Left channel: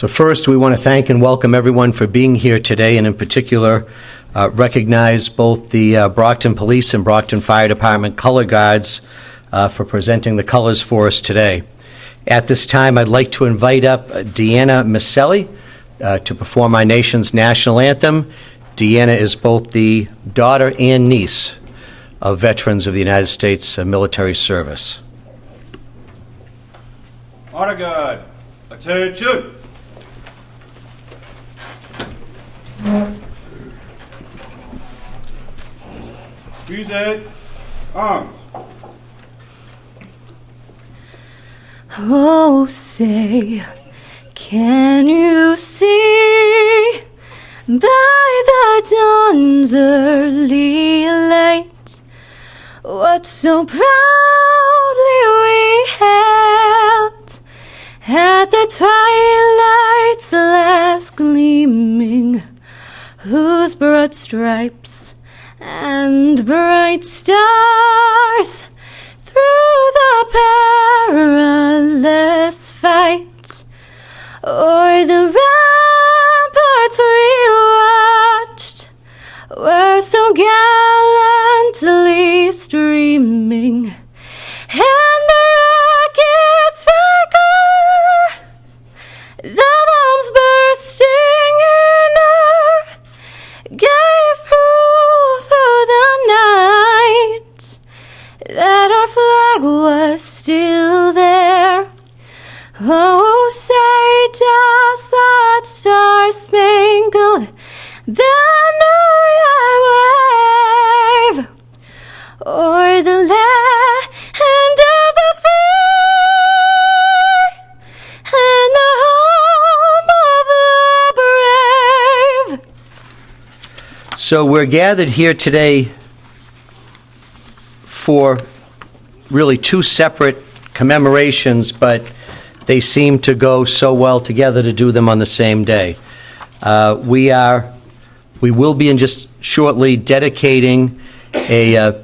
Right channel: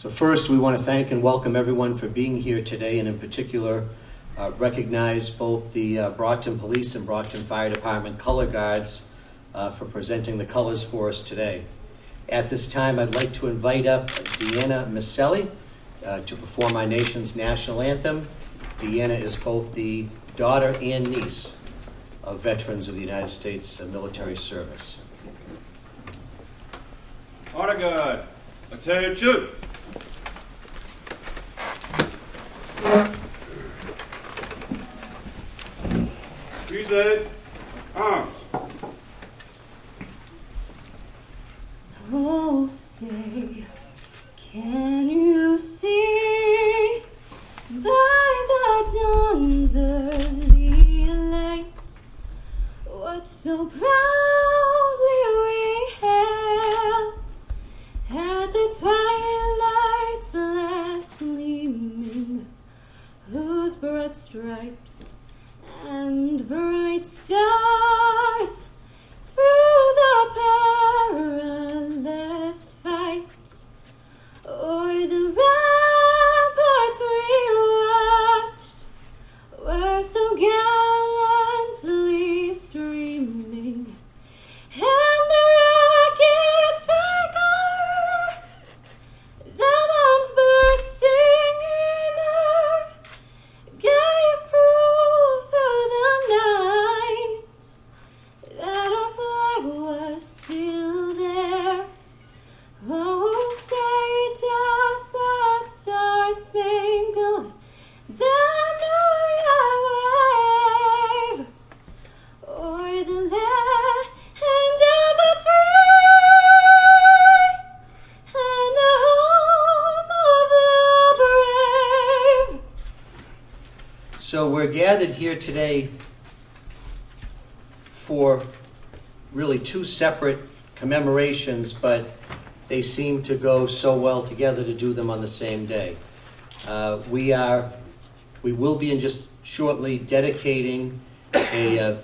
So first, we want to thank and welcome everyone for being here today, and in particular, recognize both the Brockton Police and Brockton Fire Department Color Guards for presenting the colors for us today. At this time, I'd like to invite up Deanna Maselli to perform our nation's national anthem. Deanna is both the daughter and niece of veterans of the United States military service. Honor guard, attention! Present, arms. Oh, say, can you see by the dawn's early light what so proudly we hailed at the twilight's last gleaming, whose broad stripes and bright stars through the perilous fight o'er the ramparts we watched were so gallantly streaming, and the rockets sparkle, the bombs bursting in air gave proof through the night that our flag was still there. Oh, say does that star-spangled banner yet wave o'er the land of the free and the home of the brave? So we're gathered here today for really two separate commemorations, but they seem to go so well together to do them on the same day. We will be in just shortly dedicating a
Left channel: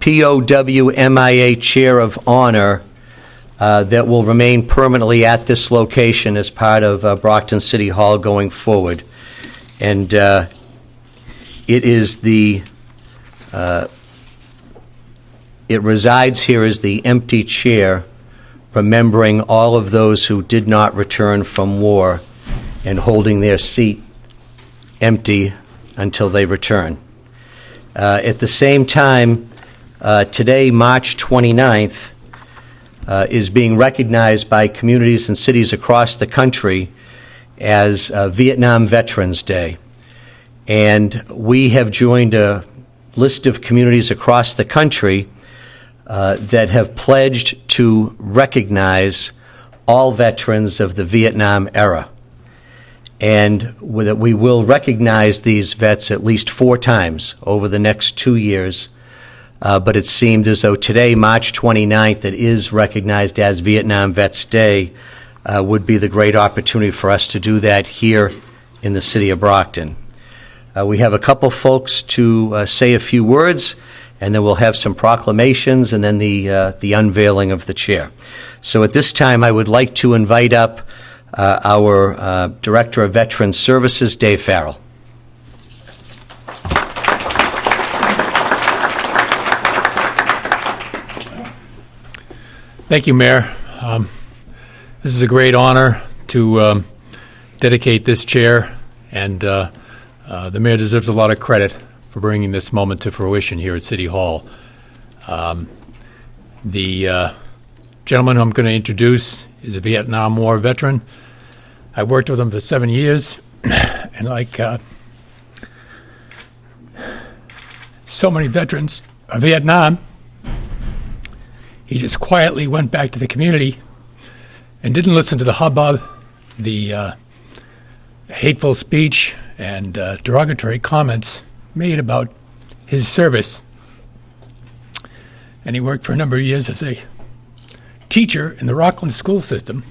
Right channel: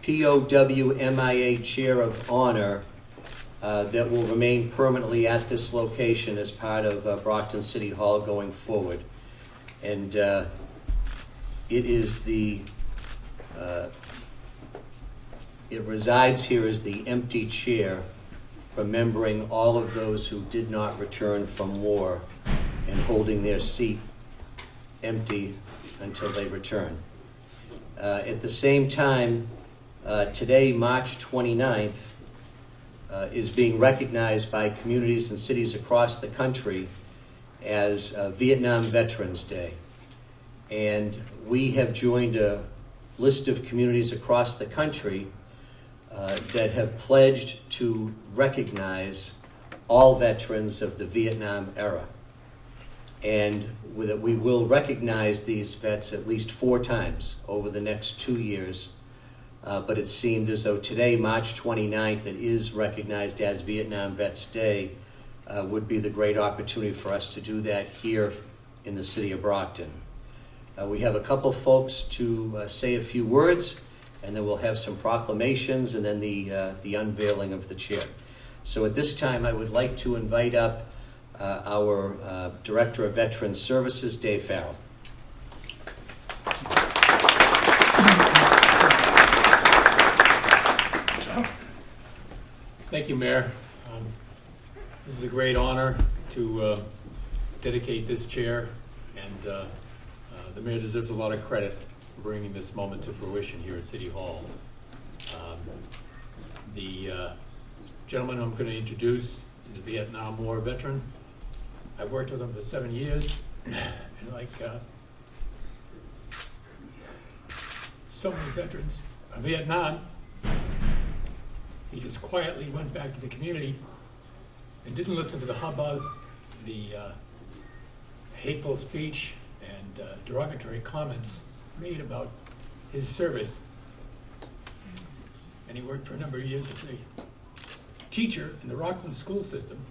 POW MIA Chair of Honor that will remain permanently at this location as part of Brockton City Hall going forward. And it is it resides here as the empty chair, remembering all of those who did not return from war and holding their seat empty until they return. At the same time, today, March 29th, is being recognized by communities and cities across the country as Vietnam Veterans Day. And we have joined a list of communities across the country that have pledged to recognize all veterans of the Vietnam era. And that we will recognize these vets at least 4 times over the next 2 years. But it seemed as though today, March 29th, that is recognized as Vietnam Vets Day, would be the great opportunity for us to do that here in the city of Brockton. We have a couple folks to say a few words, and then we'll have some proclamations and then the unveiling of the chair. So at this time, I would like to invite up our Director of Veterans Services, Dave Farrell. Thank you, Mayor. This is a great honor to dedicate this chair, and the Mayor deserves a lot of credit for bringing this moment to fruition here at City Hall. The gentleman who I'm going to introduce is a Vietnam War veteran. I worked with him for 7 years, and like so many veterans of Vietnam, he just quietly went back to the community and didn't listen to the hubbub, the hateful speech and derogatory comments made about his service. And he worked for a number of years as a teacher in the Rockland school system.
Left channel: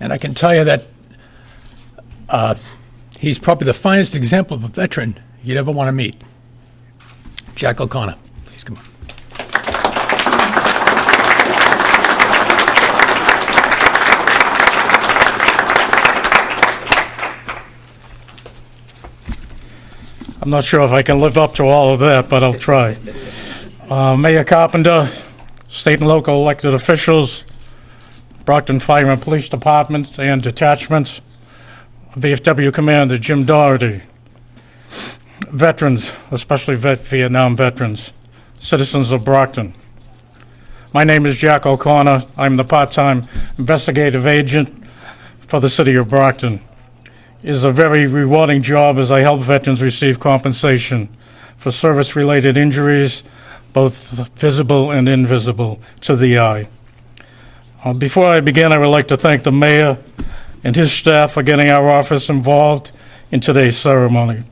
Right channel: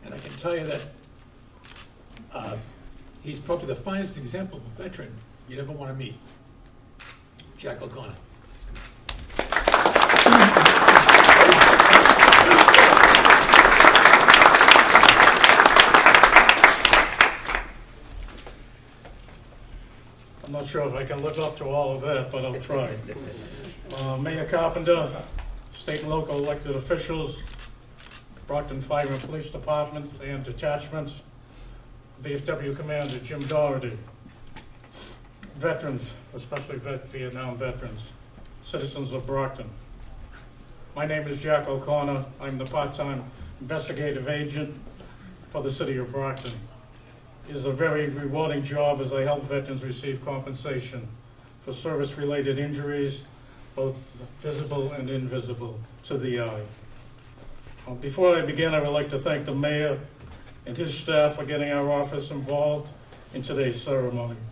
And I can tell you that he's probably the finest example of a veteran you'd ever want to meet. Jack O'Connor, please come on. I'm not sure if I can live up to all of that, but I'll try. Mayor Carpenter, state and local elected officials, Brockton Fire and Police Departments and detachments, VFW Commander Jim Doherty, veterans, especially Vietnam veterans, citizens of Brockton. My name is Jack O'Connor. I'm the part-time investigative agent for the city of Brockton. It is a very rewarding job as I help veterans receive compensation for service-related injuries, both visible and invisible to the eye. Before I begin, I would like to thank the mayor and his staff for getting our office involved in today's ceremony.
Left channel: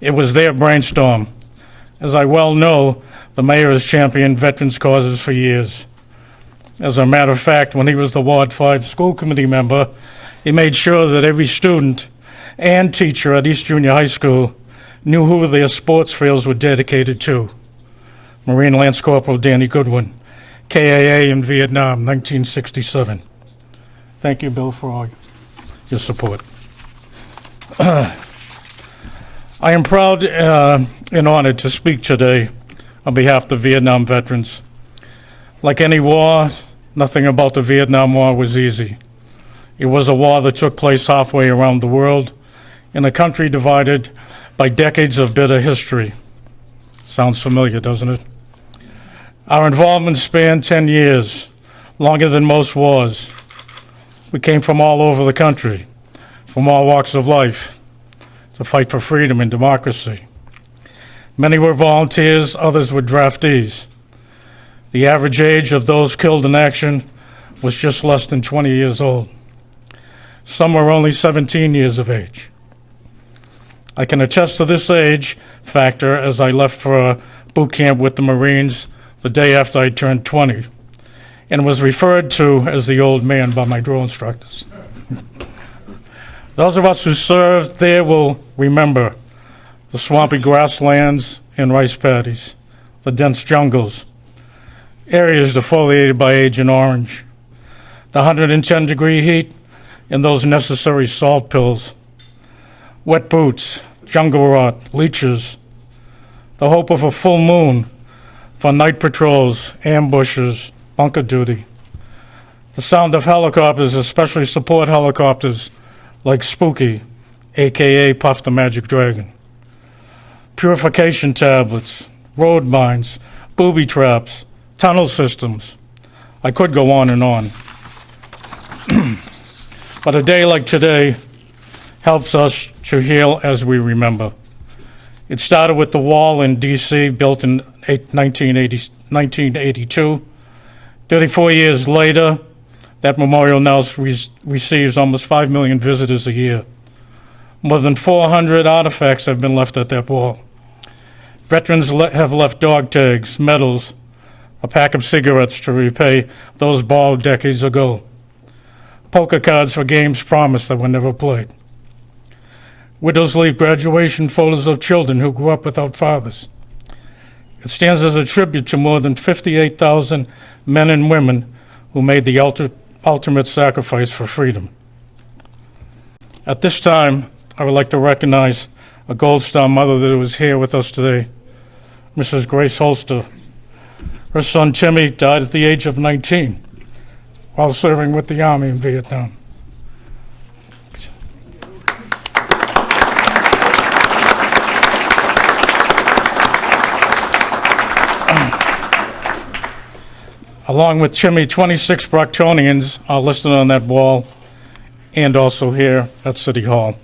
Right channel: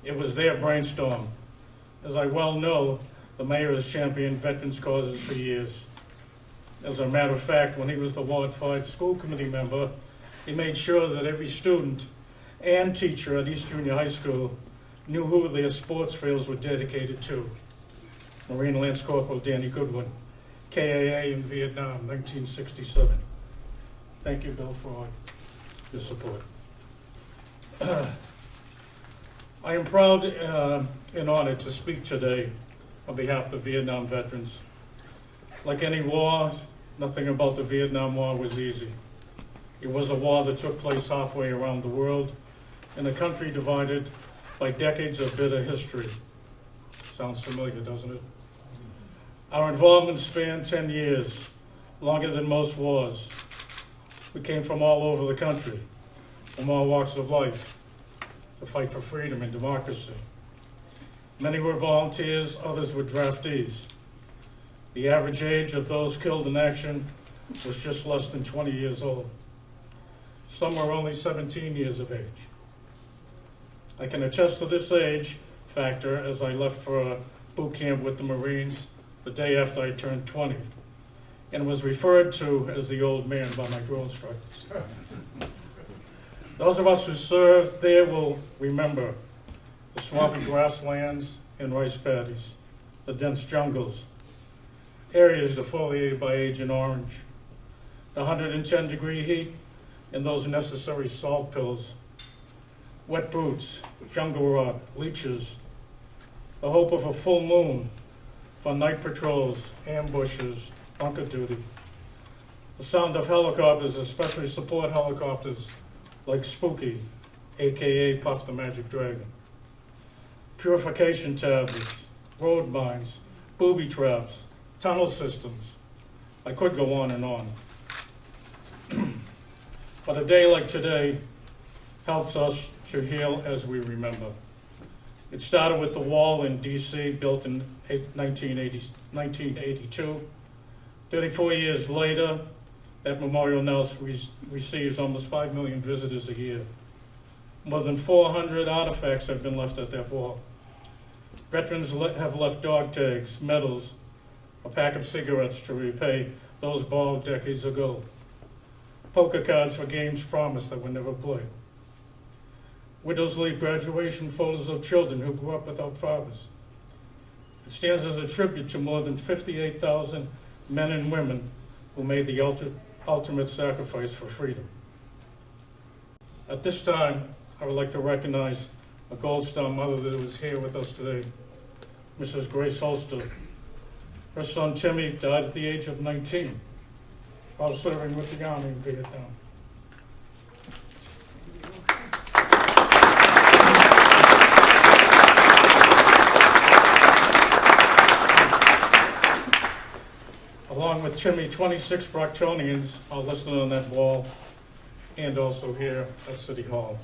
It was their brainstorm. As I well know, the mayor has championed veterans' causes for years. As a matter of fact, when he was the Ward 5 school committee member, he made sure that every student and teacher at East Junior High School knew who their sports fields were dedicated to. Marine Lance Corporal Danny Goodwin, KAA in Vietnam, 1967. Thank you, Bill, for all your support. I am proud and honored to speak today on behalf of the Vietnam veterans. Like any war, nothing about the Vietnam War was easy. It was a war that took place halfway around the world in a country divided by decades of bitter history. Sounds familiar, doesn't it? Our involvement spanned 10 years, longer than most wars. We came from all over the country, from all walks of life, to fight for freedom and democracy. Many were volunteers, others were draftees. The average age of those killed in action was just less than 20 years old. Some were only 17 years of age. I can attest to this age factor as I left for a boot camp with the Marines the day after I turned 20 and was referred to as the old man by my drill instructors. Those of us who served there will remember the swampy grasslands and rice paddies, the dense jungles, areas defoliated by Agent Orange, the 110-degree heat, and those necessary salt pills, wet boots, jungle rot, leeches, the hope of a full moon for night patrols, ambushes, bunker duty, the sound of helicopters, especially support helicopters like Spooky, AKA Puff the Magic Dragon, purification tablets, road mines, booby traps, tunnel systems. I could go on and on. But a day like today helps us to heal as we remember. It started with the wall in D.C., built in 1982. 34 years later, that memorial now receives almost 5 million visitors a year. More than 400 artifacts have been left at that wall. Veterans have left dog tags, medals, a pack of cigarettes to repay those bald decades ago, poker cards for games promised that were never played. Widows leave graduation photos of children who grew up without fathers. It stands as a tribute to more than 58,000 men and women who made the ultimate sacrifice for freedom. At this time, I would like to recognize a Gold Star mother that was here with us today, Mrs. Grace Holster. Her son Timmy died at the age of 19 while serving with the Army in Vietnam. Along with Timmy, 26 Brocktonians are listed on that wall and also here at City Hall.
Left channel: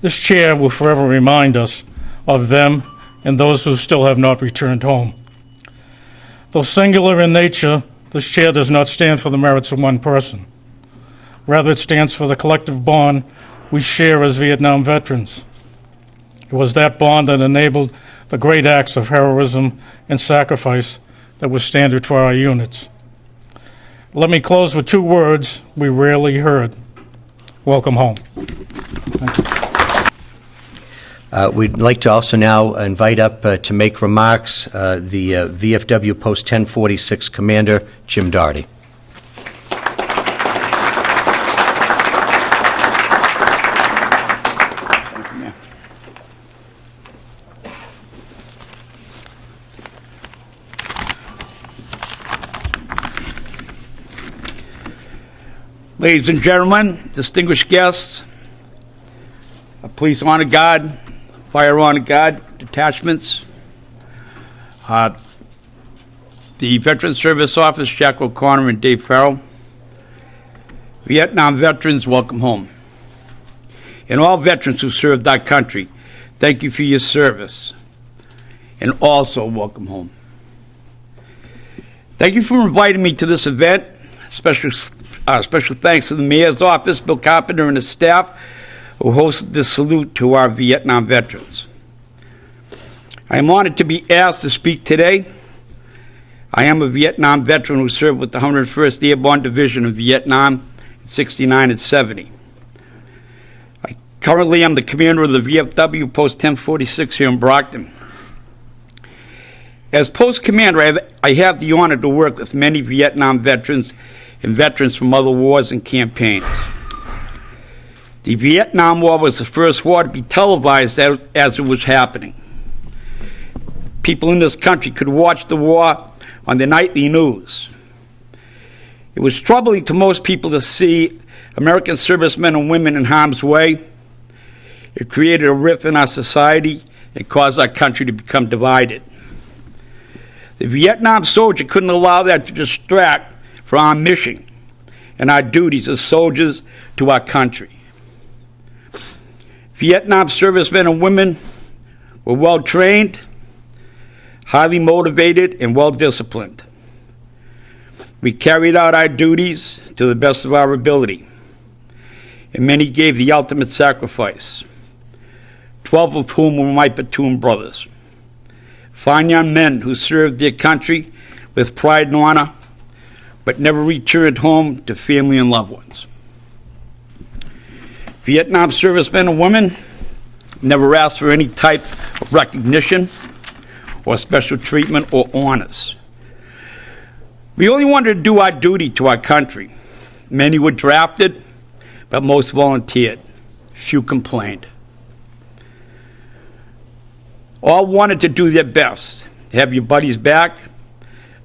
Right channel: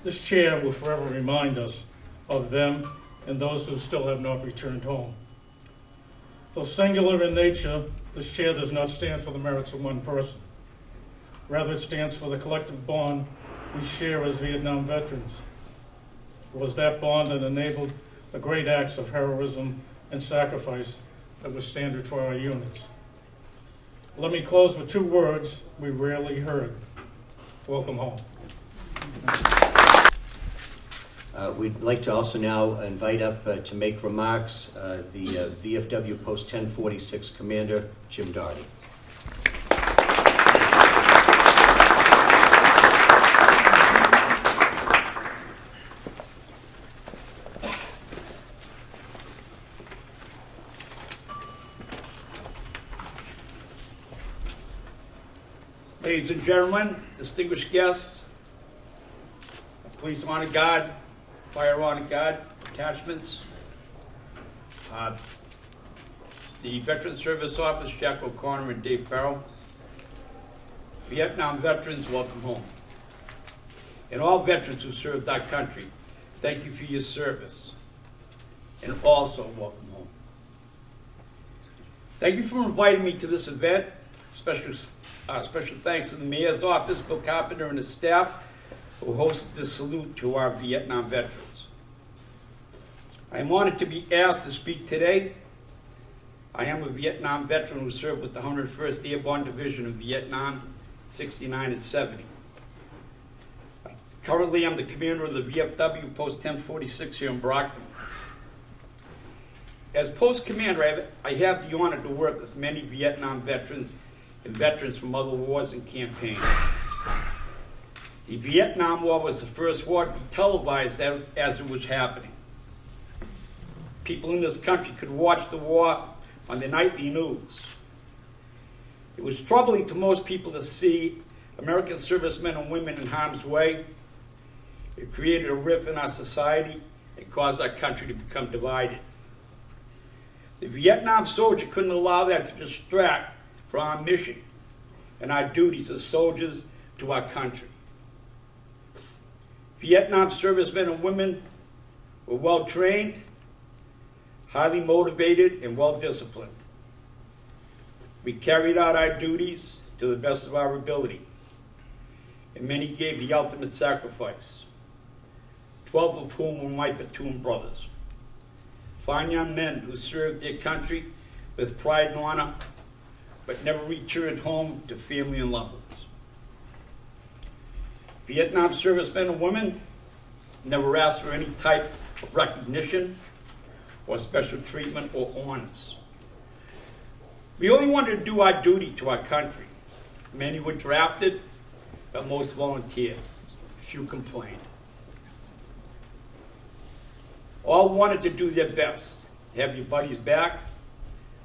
This chair will forever remind us of them and those who still have not returned home. Though singular in nature, this chair does not stand for the merits of one person. Rather, it stands for the collective bond we share as Vietnam veterans. It was that bond that enabled the great acts of heroism and sacrifice that was standard for our units. Let me close with two words we rarely heard. Welcome home. We'd like to also now invite up to make remarks the VFW Post 1046 Commander, Jim Doherty. Ladies and gentlemen, distinguished guests, police honor guard, fire honor guard detachments, the Veteran Service Office, Jack O'Connor and Dave Farrell. Vietnam veterans, welcome home. And all veterans who served our country, thank you for your service. And also welcome home. Thank you for inviting me to this event. Special thanks to the Mayor's Office, Bill Carpenter and his staff, who hosted this salute to our Vietnam veterans. I am honored to be asked to speak today. I am a Vietnam veteran who served with the 101st Airborne Division in Vietnam in 69 and 70. I currently am the commander of the VFW Post 1046 here in Brockton. As post commander, I have the honor to work with many Vietnam veterans and veterans from other wars and campaigns. The Vietnam War was the first war to be televised as it was happening. People in this country could watch the war on the nightly news. It was troubling to most people to see American servicemen and women in harm's way. It created a rift in our society and caused our country to become divided. The Vietnam soldier couldn't allow that to distract from our mission and our duties as soldiers to our country. Vietnam servicemen and women were well trained, highly motivated, and well disciplined. We carried out our duties to the best of our ability, and many gave the ultimate sacrifice, 12 of whom were my platoon brothers. Fine young men who served their country with pride and honor, but never returned home to family and loved ones. Vietnam servicemen and women never asked for any type of recognition or special treatment or honors. We only wanted to do our duty to our country. Many were drafted, but most volunteered. Few complained. All wanted to do their best, to have your buddies back,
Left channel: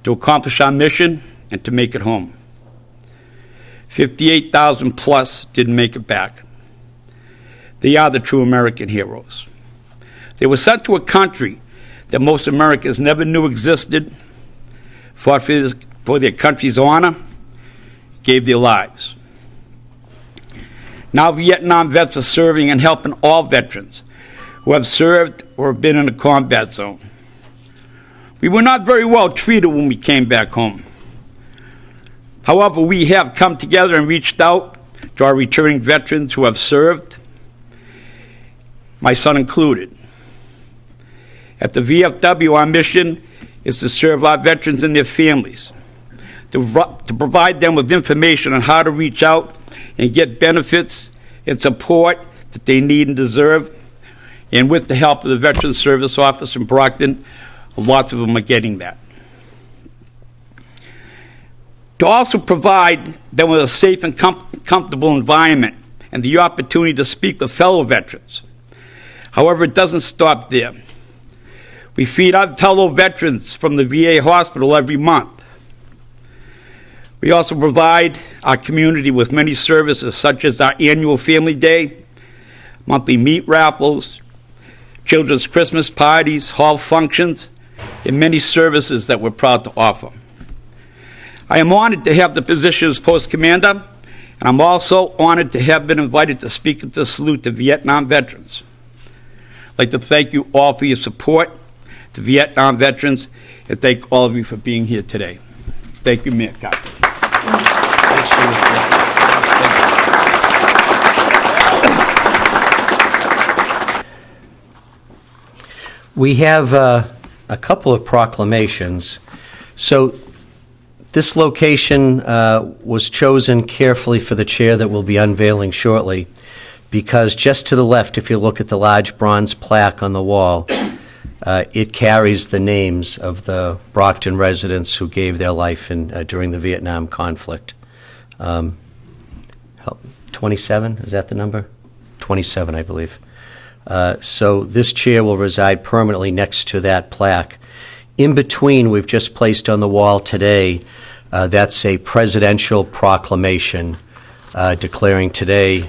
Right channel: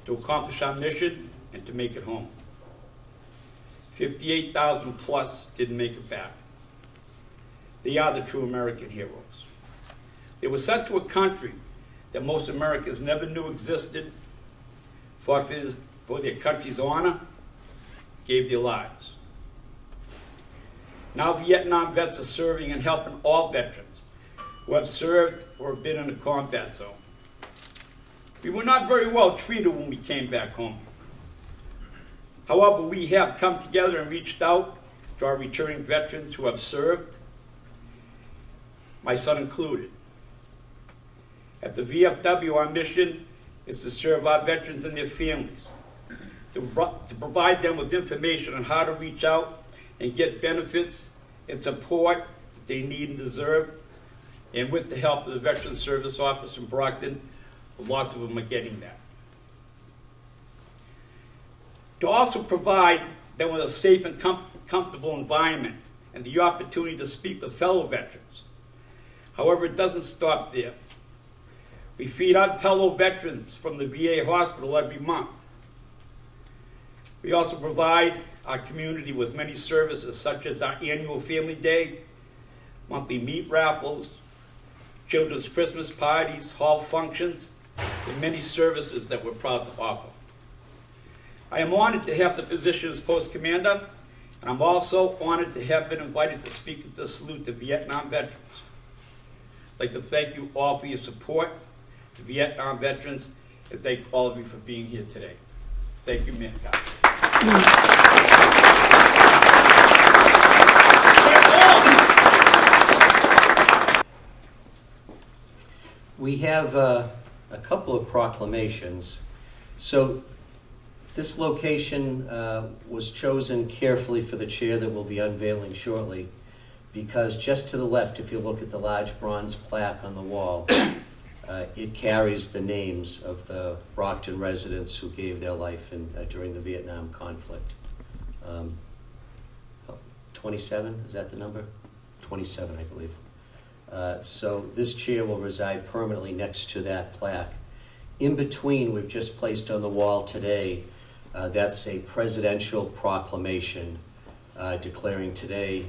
to accomplish our mission, and to make it home. 58,000 plus didn't make it back. They are the true American heroes. They were sent to a country that most Americans never knew existed, fought for their country's honor, gave their lives. Now Vietnam vets are serving and helping all veterans who have served or have been in a combat zone. We were not very well treated when we came back home. However, we have come together and reached out to our returning veterans who have served, my son included. At the VFW, our mission is to serve our veterans and their families, to provide them with information on how to reach out and get benefits and support that they need and deserve. And with the help of the Veterans Service Office in Brockton, lots of them are getting that. To also provide them with a safe and comfortable environment and the opportunity to speak with fellow veterans. However, it doesn't stop there. We feed our fellow veterans from the VA hospital every month. We also provide our community with many services such as our annual Family Day, monthly meat raffles, children's Christmas parties, hall functions, and many services that we're proud to offer. I am honored to have the position as Post Commander, and I'm also honored to have been invited to speak at the salute to Vietnam veterans. I'd like to thank you all for your support to Vietnam veterans, and thank all of you for being here today. Thank you, Mayor Carpenter. We have a couple of proclamations. So this location was chosen carefully for the chair that we'll be unveiling shortly, because just to the left, if you look at the large bronze plaque on the wall, it carries the names of the Brockton residents who gave their life during the Vietnam conflict. 27, is that the number? 27, I believe. So this chair will reside permanently next to that plaque. In between, we've just placed on the wall today, that's a presidential proclamation declaring today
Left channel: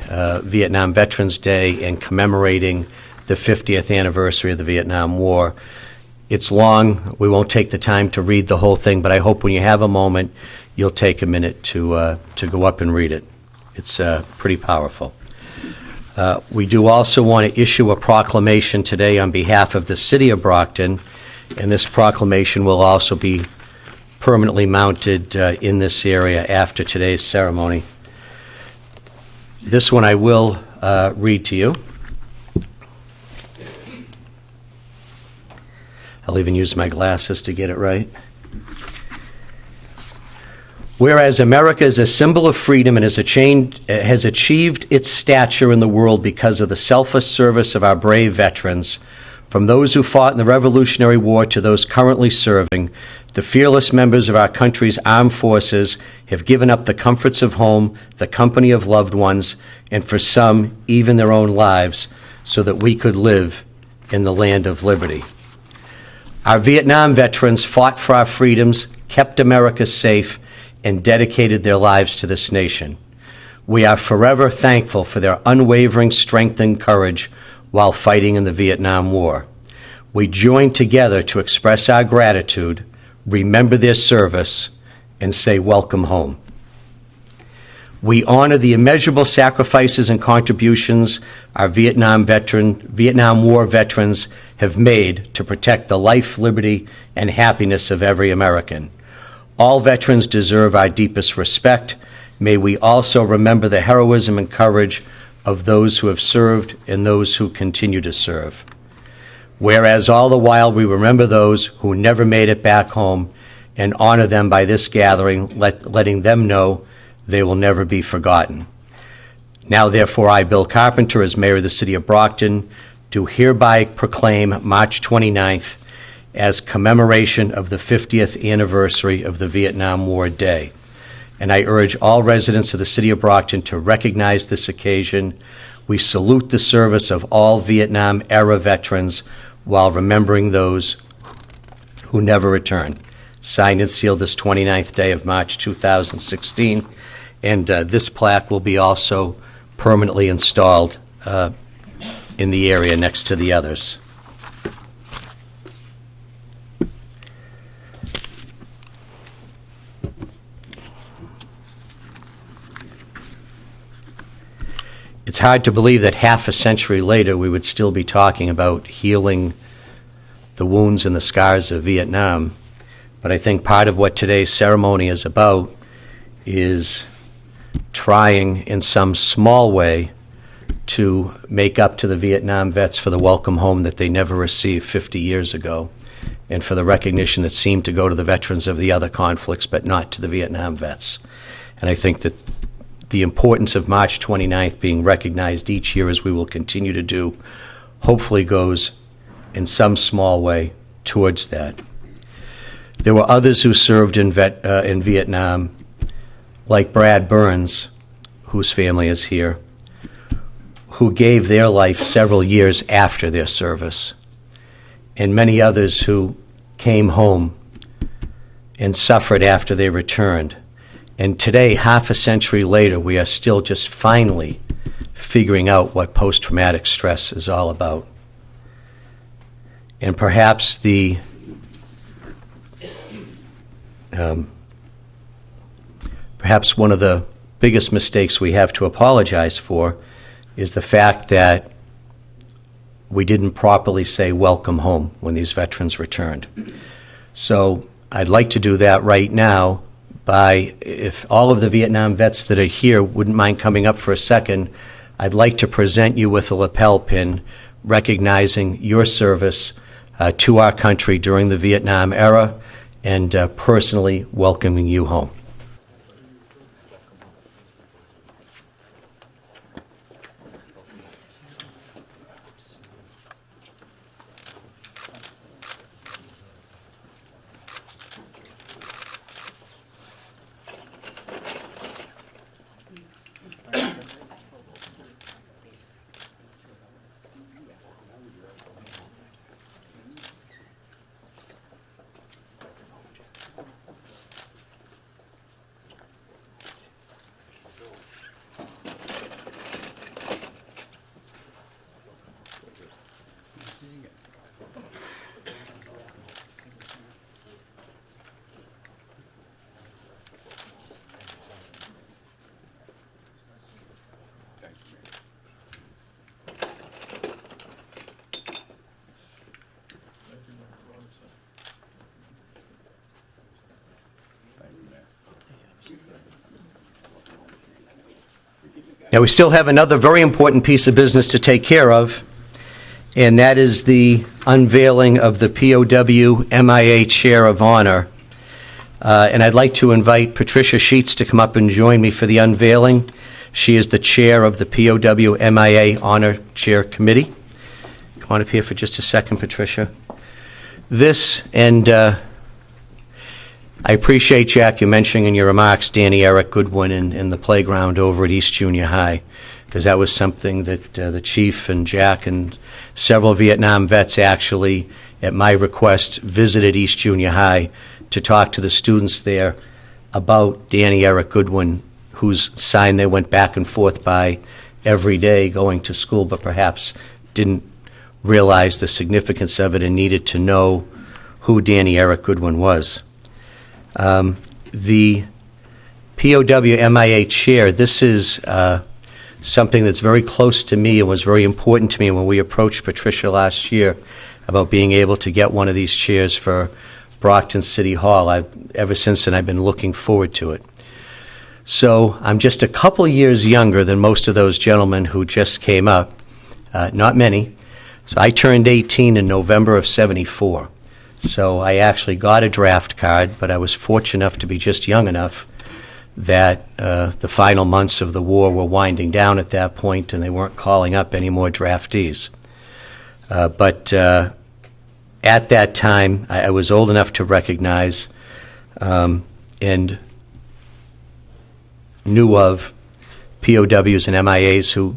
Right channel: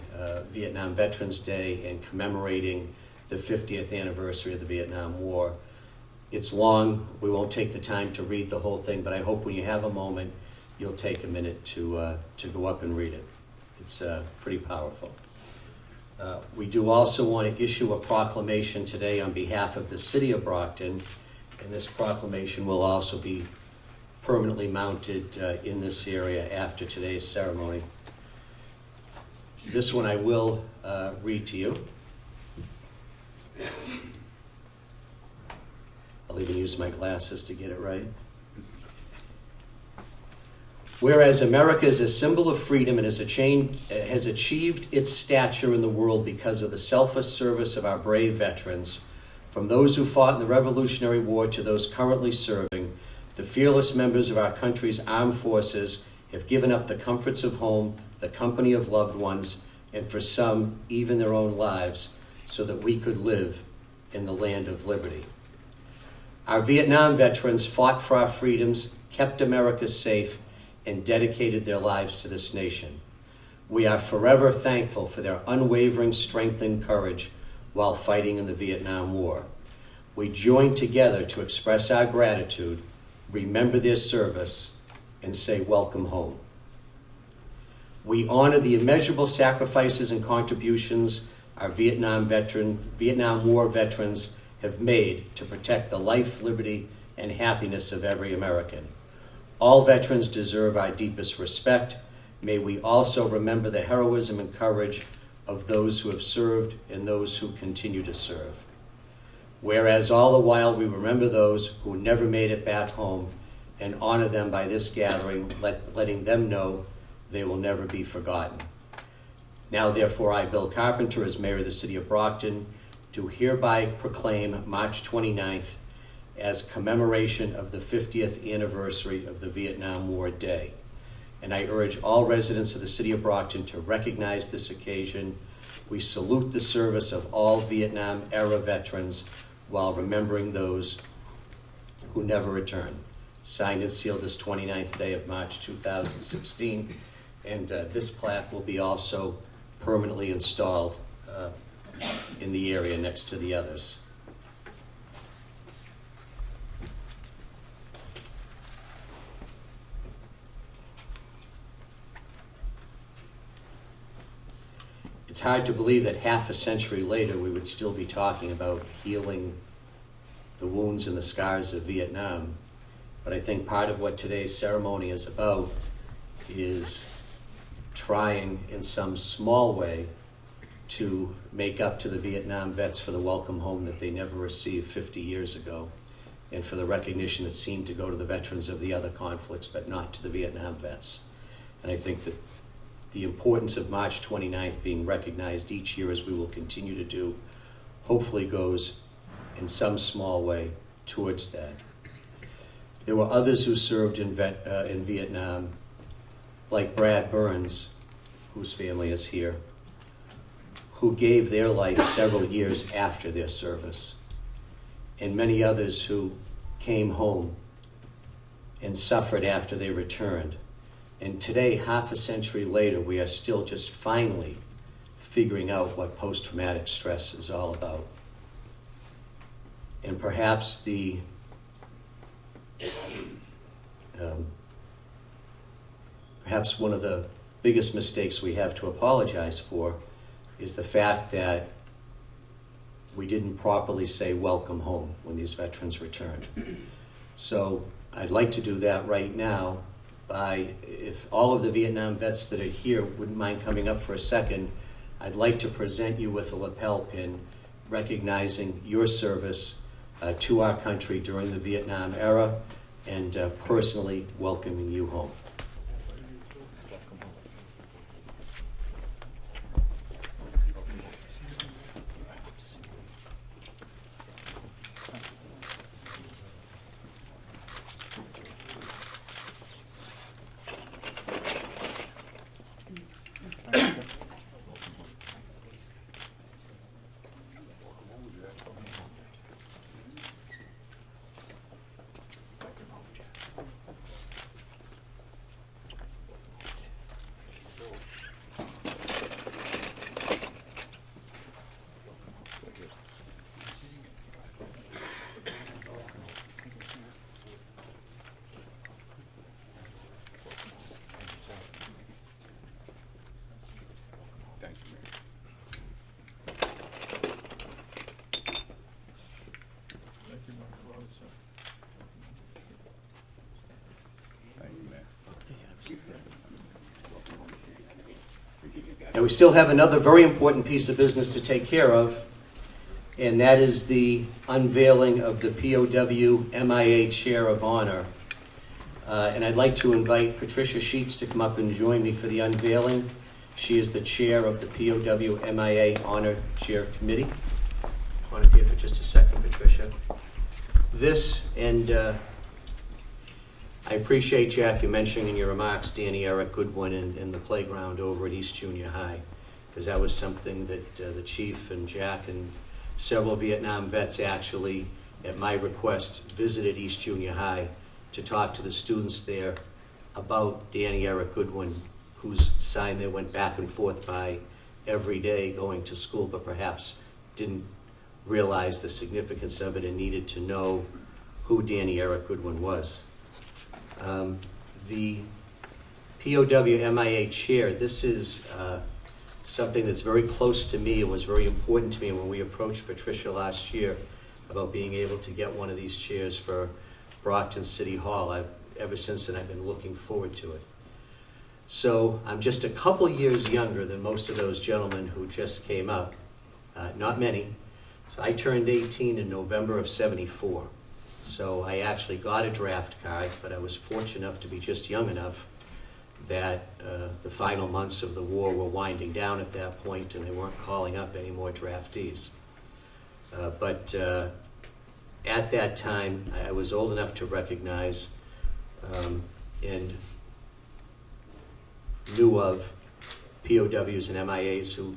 Vietnam Veterans Day and commemorating the 50th anniversary of the Vietnam War. It's long. We won't take the time to read the whole thing, but I hope when you have a moment, you'll take a minute to go up and read it. It's pretty powerful. We do also want to issue a proclamation today on behalf of the City of Brockton, and this proclamation will also be permanently mounted in this area after today's ceremony. This one I will read to you. I'll even use my glasses to get it right. Whereas America is a symbol of freedom and has achieved its stature in the world because of the selfless service of our brave veterans, from those who fought in the Revolutionary War to those currently serving, the fearless members of our country's armed forces have given up the comforts of home, the company of loved ones, and for some, even their own lives, so that we could live in the land of liberty. Our Vietnam veterans fought for our freedoms, kept America safe, and dedicated their lives to this nation. We are forever thankful for their unwavering strength and courage while fighting in the Vietnam War. We join together to express our gratitude, remember their service, and say welcome home. We honor the immeasurable sacrifices and contributions our Vietnam War veterans have made to protect the life, liberty, and happiness of every American. All veterans deserve our deepest respect. May we also remember the heroism and courage of those who have served and those who continue to serve. Whereas all the while we remember those who never made it back home and honor them by this gathering, letting them know they will never be forgotten. Now, therefore, I, Bill Carpenter, as Mayor of the City of Brockton, do hereby proclaim March 29th as commemoration of the 50th anniversary of the Vietnam War Day. And I urge all residents of the City of Brockton to recognize this occasion. We salute the service of all Vietnam-era veterans while remembering those who never returned. Signed and sealed this 29th day of March 2016. And this plaque will be also permanently installed in the area next to the others. It's hard to believe that half a century later we would still be talking about healing the wounds and the scars of Vietnam. But I think part of what today's ceremony is about is trying in some small way to make up to the Vietnam vets for the welcome home that they never received 50 years ago, and for the recognition that seemed to go to the veterans of the other conflicts but not to the Vietnam vets. And I think that the importance of March 29th being recognized each year, as we will continue to do, hopefully goes in some small way towards that. There were others who served in Vietnam, like Brad Burns, whose family is here, who gave their life several years after their service, and many others who came home and suffered after they returned. And today, half a century later, we are still just finally figuring out what post-traumatic stress is all about. And perhaps perhaps one of the biggest mistakes we have to apologize for is the fact that we didn't properly say welcome home when these veterans returned. So I'd like to do that right now by, if all of the Vietnam vets that are here wouldn't mind coming up for a second, I'd like to present you with a lapel pin recognizing your service to our country during the Vietnam era and personally welcoming you home. Now, we still have another very important piece of business to take care of, and that is the unveiling of the POW MIA Chair of Honor. And I'd like to invite Patricia Sheets to come up and join me for the unveiling. She is the chair of the POW MIA Honor Chair Committee. Come on up here for just a second, Patricia. This, and I appreciate, Jack, you mentioning in your remarks Danny Eric Goodwin in the playground over at East Junior High, because that was something that the chief and Jack and several Vietnam vets actually, at my request, visited East Junior High to talk to the students there about Danny Eric Goodwin, whose sign they went back and forth by every day going to school, but perhaps didn't realize the significance of it and needed to know who Danny Eric Goodwin was. The POW MIA chair, this is something that's very close to me and was very important to me when we approached Patricia last year about being able to get one of these chairs for Brockton City Hall. Ever since then, I've been looking forward to it. So I'm just a couple years younger than most of those gentlemen who just came up, not many. So I turned 18 in November of '74. So I actually got a draft card, but I was fortunate enough to be just young enough that the final months of the war were winding down at that point, and they weren't calling up any more draftees. But at that time, I was old enough to recognize and knew of POWs and MIAs who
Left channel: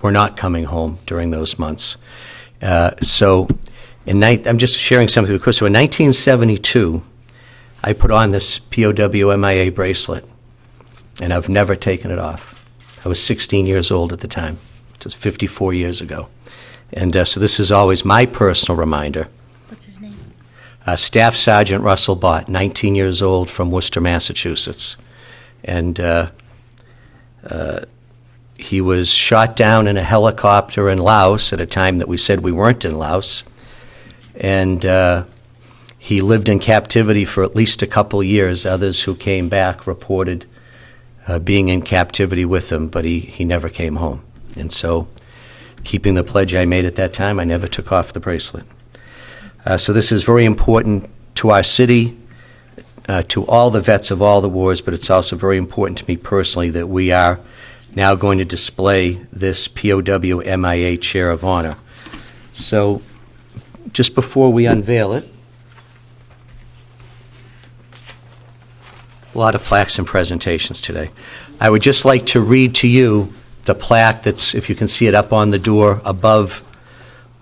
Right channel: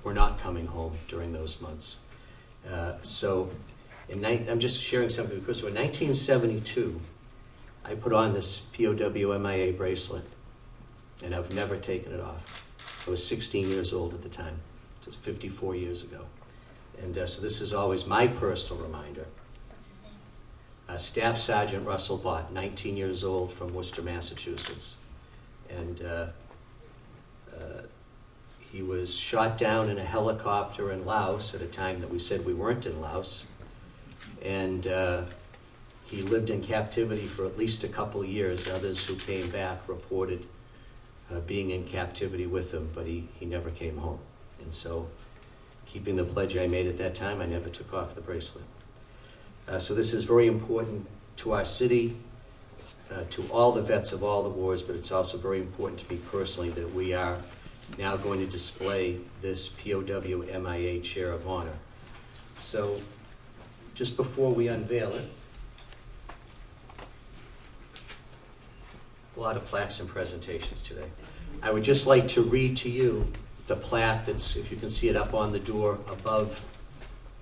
were not coming home during those months. I'm just sharing something because so in 1972, I put on this POW MIA bracelet, and I've never taken it off. I was 16 years old at the time. It was 54 years ago. And so this is always my personal reminder. What's his name? Staff Sergeant Russell Bott, 19 years old, from Worcester, Massachusetts. And he was shot down in a helicopter in Laos at a time that we said we weren't in Laos. And he lived in captivity for at least a couple years. Others who came back reported being in captivity with him, but he never came home. And so, keeping the pledge I made at that time, I never took off the bracelet. So this is very important to our city, to all the vets of all the wars, but it's also very important to me personally that we are now going to display this POW MIA Chair of Honor. So just before we unveil it, a lot of plaques and presentations today. I would just like to read to you the plaque that's, if you can see it up on the door above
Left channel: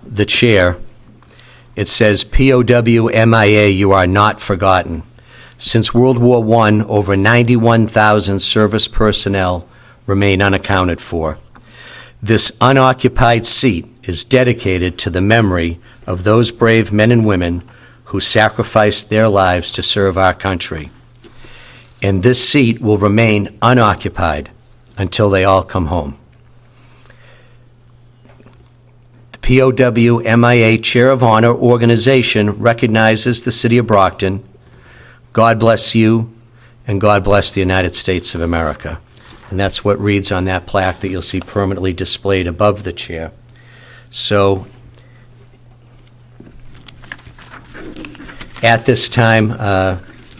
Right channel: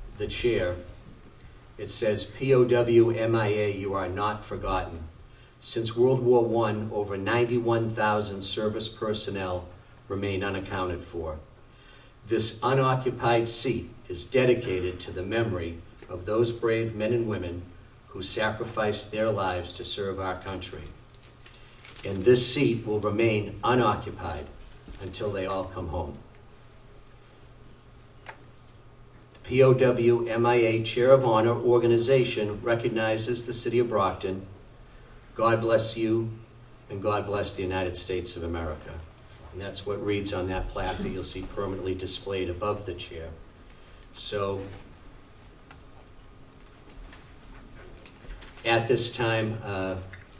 the chair. It says, POW MIA, you are not forgotten. Since World War I, over 91,000 service personnel remain unaccounted for. This unoccupied seat is dedicated to the memory of those brave men and women who sacrificed their lives to serve our country. And this seat will remain unoccupied until they all come home. The POW MIA Chair of Honor organization recognizes the City of Brockton. God bless you, and God bless the United States of America. And that's what reads on that plaque that you'll see permanently displayed above the chair. So at this time,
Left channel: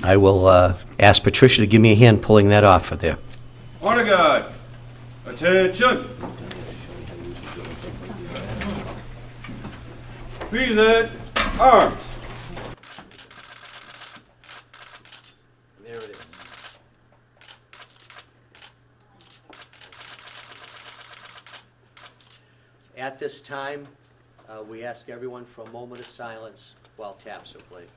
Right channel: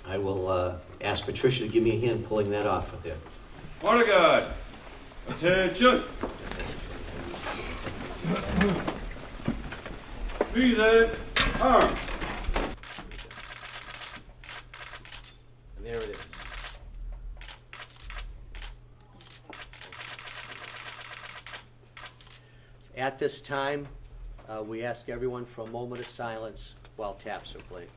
I will ask Patricia to give me a hand pulling that off of there. Honor guard, attention. Present, arms. There it is. At this time, we ask everyone for a moment of silence while taps are played.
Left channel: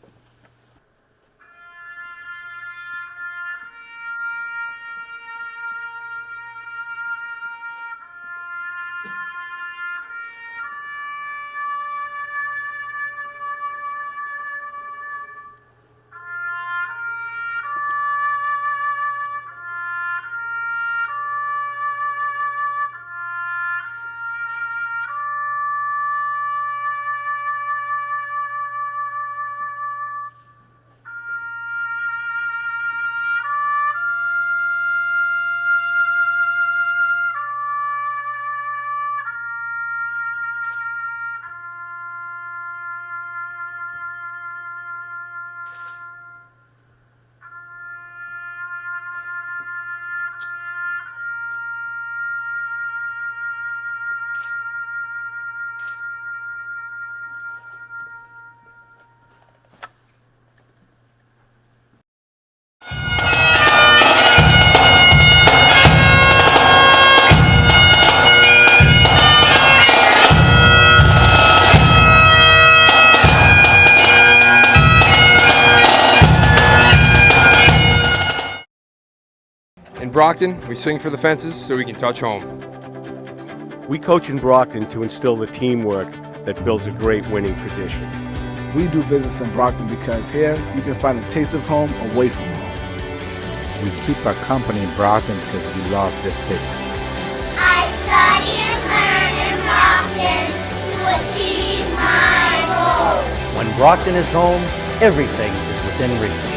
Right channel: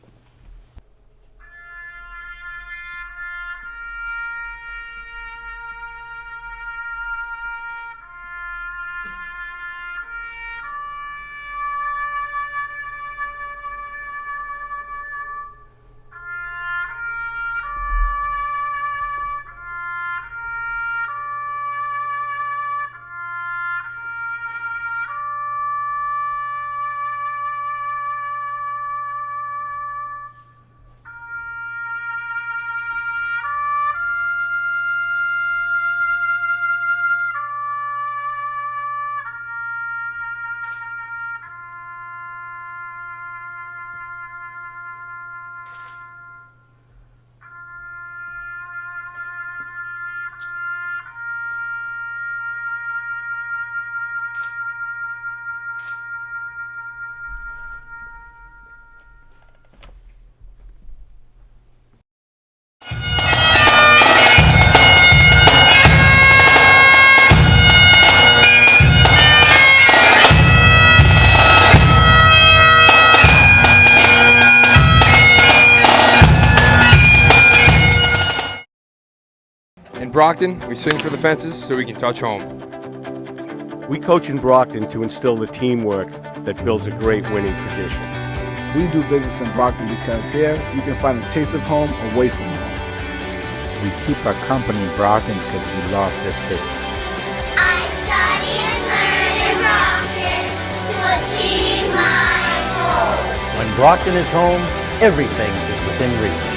Brockton, we swing for the fences so we can touch home. We coach in Brockton to instill the teamwork that builds a great winning tradition. We do business in Brockton because here you can find a taste of home away from home. We keep our company in Brockton because we love this city. I study and learn in Brockton to achieve my goals. When Brockton is home, everything is within reach.